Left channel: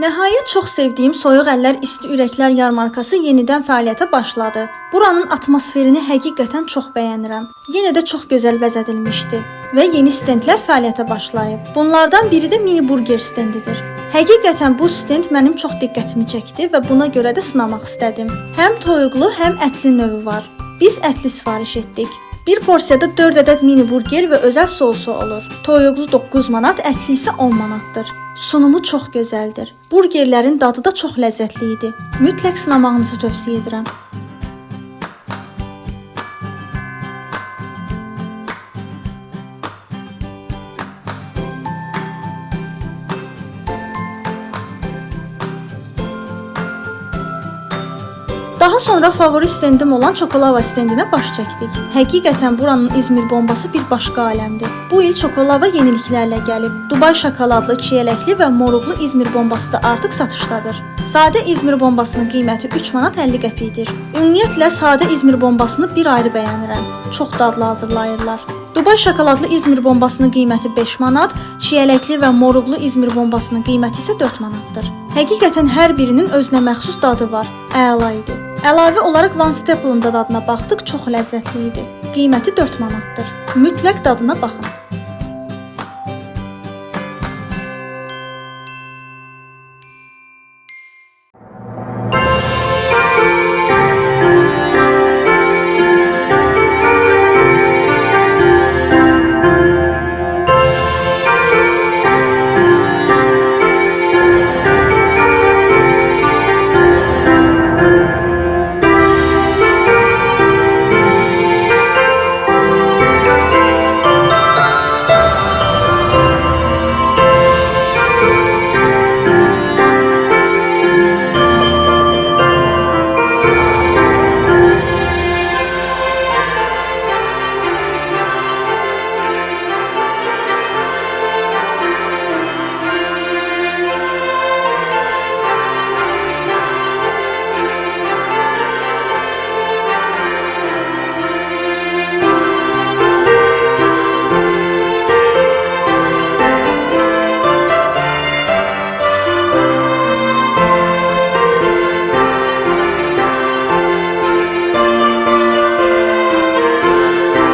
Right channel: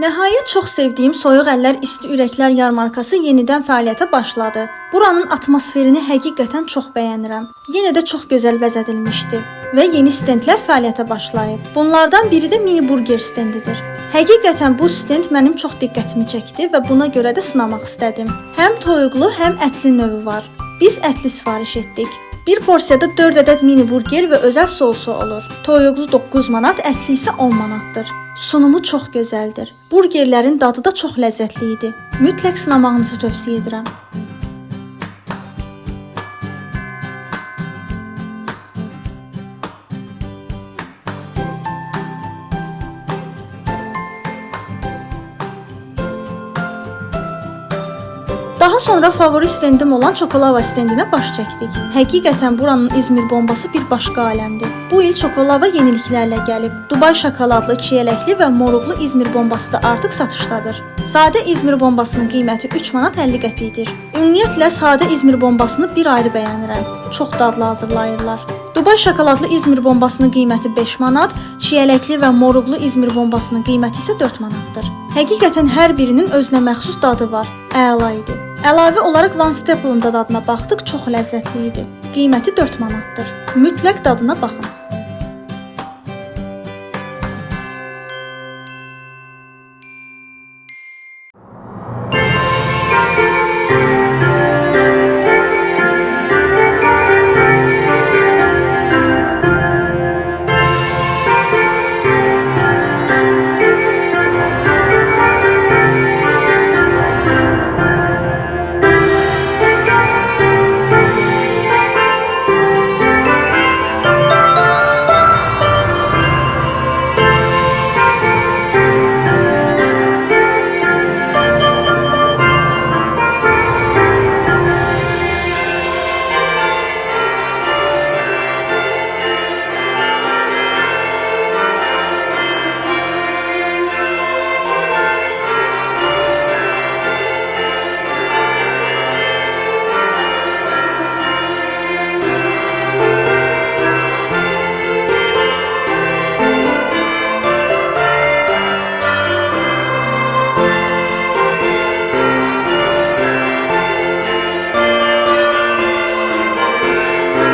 Nəhayət çox sevdiyim Soyuq Əllər İsti Ürəklər yarmarkası yenidən fəaliyyətə başladı. Buranın atmosferini həqiqətən çox bəyənirəm. Yenə də çox gözəl bəzədilmişdi və yeni stendlər fəaliyyətə başlayıb. Bunlardan biri də mini burger stendidir. Həqiqətən bu stend mənim çox diqqətimi çəkdi və buna görə də sınamaq istədim. Həm toyuqlu, həm ətli növü var. Biz ətli sifariş etdik. Bir porsiyada 4 ədəd mini burger və özəl sousu olur. Toyuqlu 9 manat, ətli isə 10 manatdır. Sunumu çox gözəldir. Burgerlərin dadı da çox ləzzətli idi. Mütləq sınamağınızı tövsiyə edirəm. Daha sonra favori stendim olan Çokolava stendinə baş çəkdik. Həqiqətən buranın İzmir bombası bir başqa aləmdir. Bu il Çokolava yeniliklərlə gəlib. Dubay şokoladlı, çiyələkli və moruqlu İzmir bombası da artıq satışdadır. Sadə İzmir bombasının qiyməti 3 manat 50 qəpikdir. Ümumiyyətlə sadə İzmir bombasını bir ayrı bəyənirəm. Çox dadlı hazırlayırlar. Dubay şokoladlı İzmir bombasının qiyməti 5 manat, çiyələkli və moruqlu İzmir bombasının qiyməti isə 4 manatdır. Həqiqətən hər birinin özünə məxsus dadı var. Əla idi. Əlavə olaraq Van Staple'ın da dadına baxdıq, çox ləzzətli idi. Qiyməti 4 manatdır. Mütləq dadına baxın.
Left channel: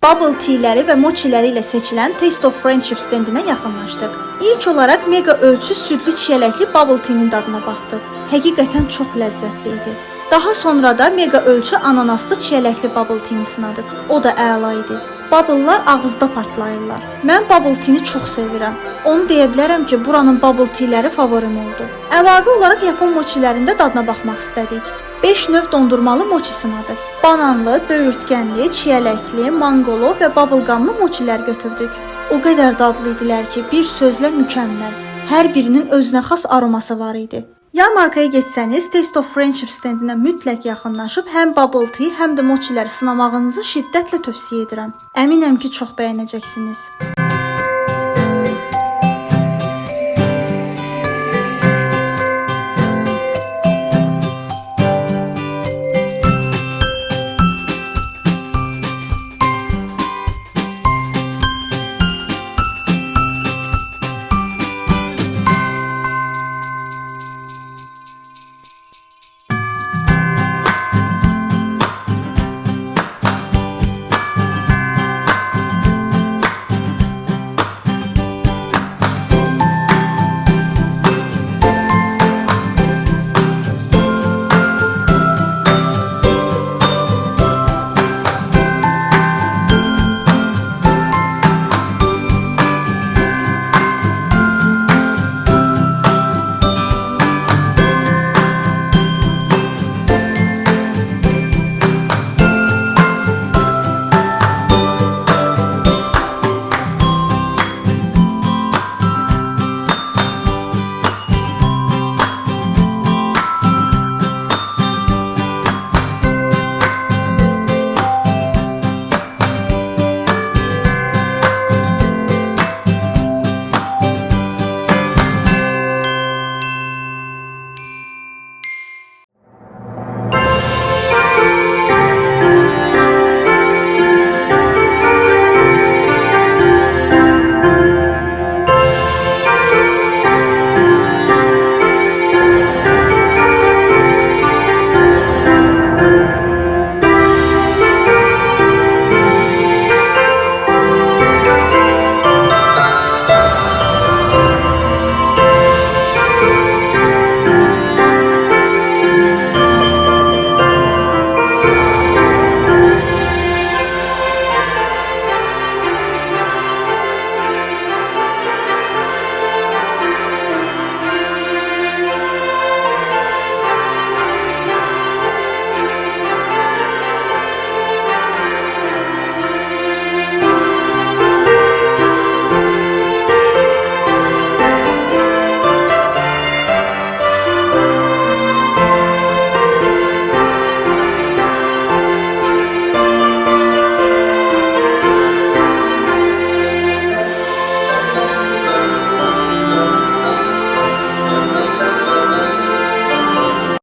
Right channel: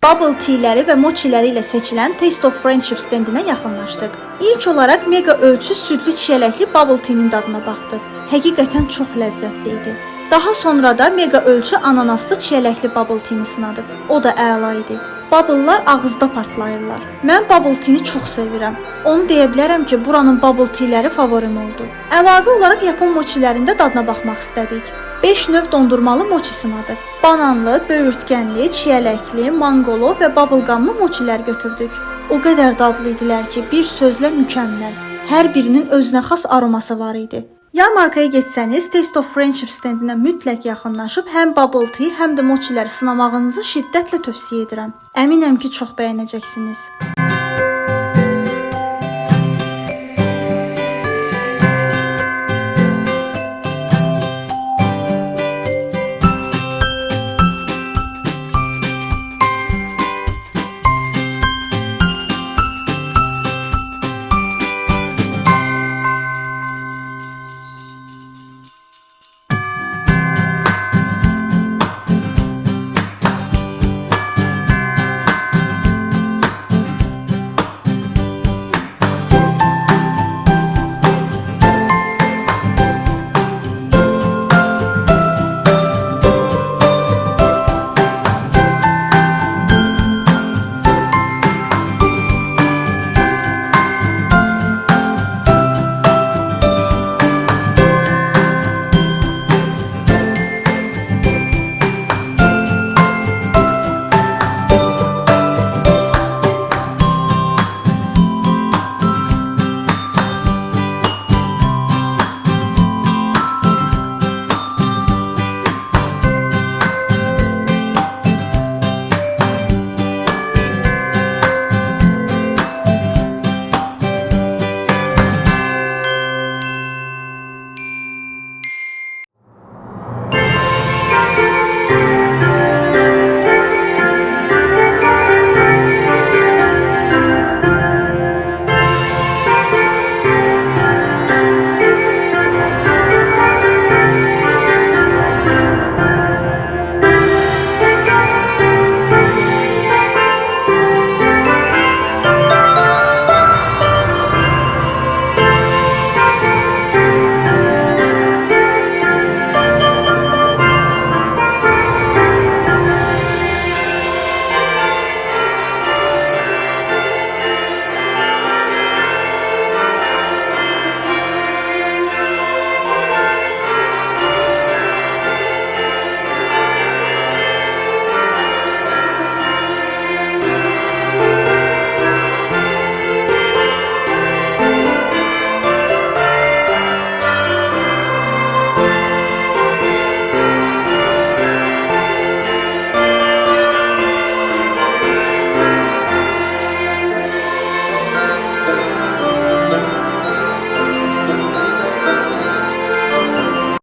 Bubble tealəri və mochiləri ilə seçilən Taste of Friendship stendinə yaxınlaşdıq. İlk olaraq mega ölçü südlü çiyələkli bubble tea'nin dadına baxdıq. Həqiqətən çox ləzzətli idi. Daha sonra da mega ölçü ananaslı çiyələkli bubble tea'ni sınadıq. O da əla idi. Bubble'lar ağızda partlayırlar. Mən bubble tea'ni çox sevirəm. Onu deyə bilərəm ki, buranın bubble tealəri favorim oldu. Əlavə olaraq Yapon mochilərində dadına baxmaq istədik. 5 növ dondurmalı mochi sınadıq. Bananlı, böyürtkənli, çiyələkli, mangolu və bubblegumlu mochilər götürdük. O qədər dadlı idilər ki, bir sözlə mükəmməl. Hər birinin özünə xas aroması var idi. Yarmarkaya getsəniz, Taste of Friendship stendinə mütləq yaxınlaşıb həm bubble tea, həm də mochiləri sınamağınızı şiddətlə tövsiyə edirəm. Əminəm ki, çox bəyənəcəksiniz.